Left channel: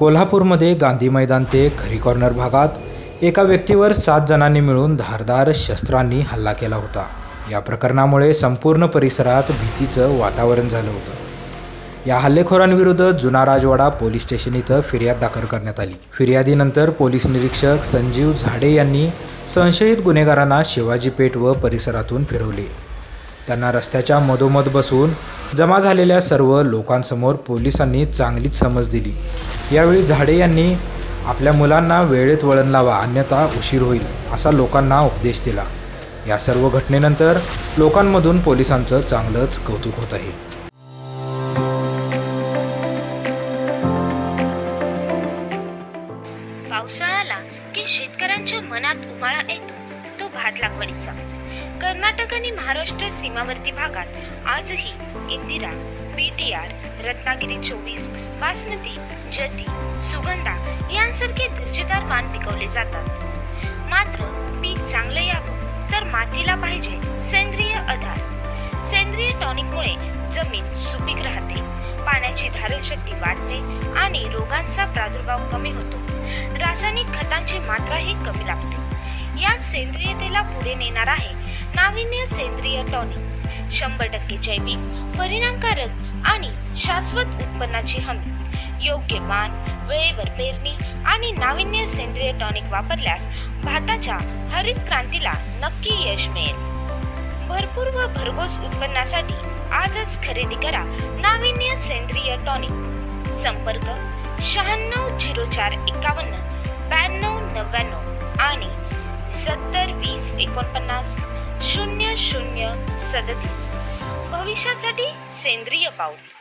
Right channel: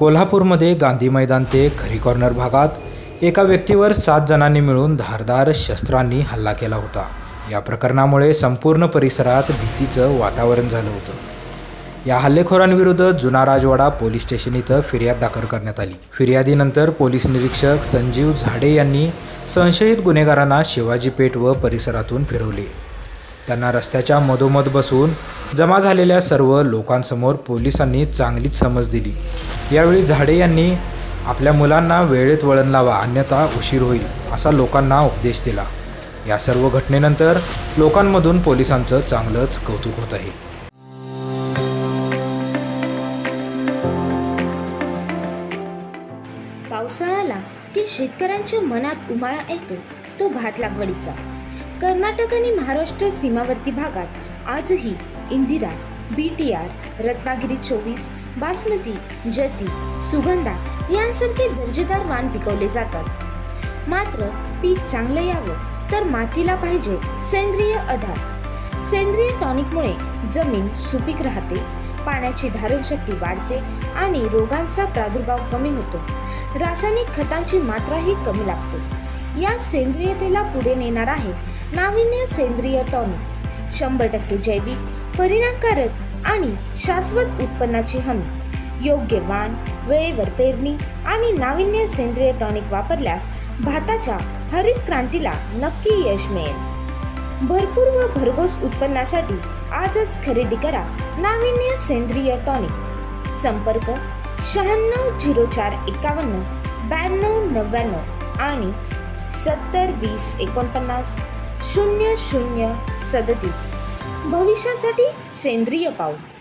कोल्हापूरमध्ये गांधी मैदान ते खरी कॉर्नर भागात एका व्यक्तीवर सात जणांनी मिळून धारदार शस्त्रांनी हल्ला केला होता. या प्रकरणामुळे संपूर्ण परिसरात भीतीचं वातावरण झालं होतं. या हल्लेखोरांविरुद्ध जुना राजवाडा पोलीस स्टेशन इथं फिर्याद दाखल करण्यात आली. फिर्यादीनंतर पोलीस निरीक्षक संजीव झाडे यांनी संशयित गुन्हेगारांना शिवाजी पेठ व परिसरातून फिरवले. त्यांना रस्त्याच्या मधोमध बसून जमा झालेल्या सर्व लोकांसमोर पोलिसांनी चांगलीच समज दिली. यावेळी झाडे यांनी आपल्या मुलांना वेळेत वळण लावा अन्यथा उशीर होईल असा लोकांना उपदेश दिला. या सर्व घटनेनंतर लोकांमधून पोलिसांचं चांगलंच कौतुक होत आहे. पावसाळ्याला की शेतकऱ्यांच्या मनात उमाळा येतो तो भात लागवडीचा. कर्नाटक आणि महाराष्ट्र सीमावर्ती भागात आजही इंदिरा बीटीआर रत्नागिरी चोवीस बासमती जती सुगंधा यांसारखे दर्जेदार वाण पिकवले जातात. मात्र पीक चांगलं यावं तर मातीला पाहिजे सेंद्रिय आधार. सेंद्रिय टॉनिकमुळे जमीन सुपीक राहते पाण्याची धारण शक्ती वाढते आणि रोगांचा प्रादुर्भाव कमी होतो. रासायनिक खतांची मात्राही कमी लागते. या सेंद्रियतेला पुढे नेणार आहे नाविन्य सेंद्रिय टॉनिक. शंभर टक्के जैविक परिणामकारक आणि शाश्वत उत्पन्नाची हमी. योग्य वाण वेळेवर पेरणी आणि नाविन्य सेंद्रिय टॉनिक वापरल्यास भाताच्या हरित क्रांतीला नक्की यश मिळेल. भरपूर व भरघोस उत्पन्नासाठी आजच खरेदी करा नाविन्य सेंद्रिय टॉनिक. संपर्क शहाण्णव झिरो चार एकावन्न ब्याण्णव नव्याण्णव आणि सत्तर वीस एकोणपन्नास शून्य शून्य सदतीस. भविष्यासाठी सेंद्रिय पाऊल.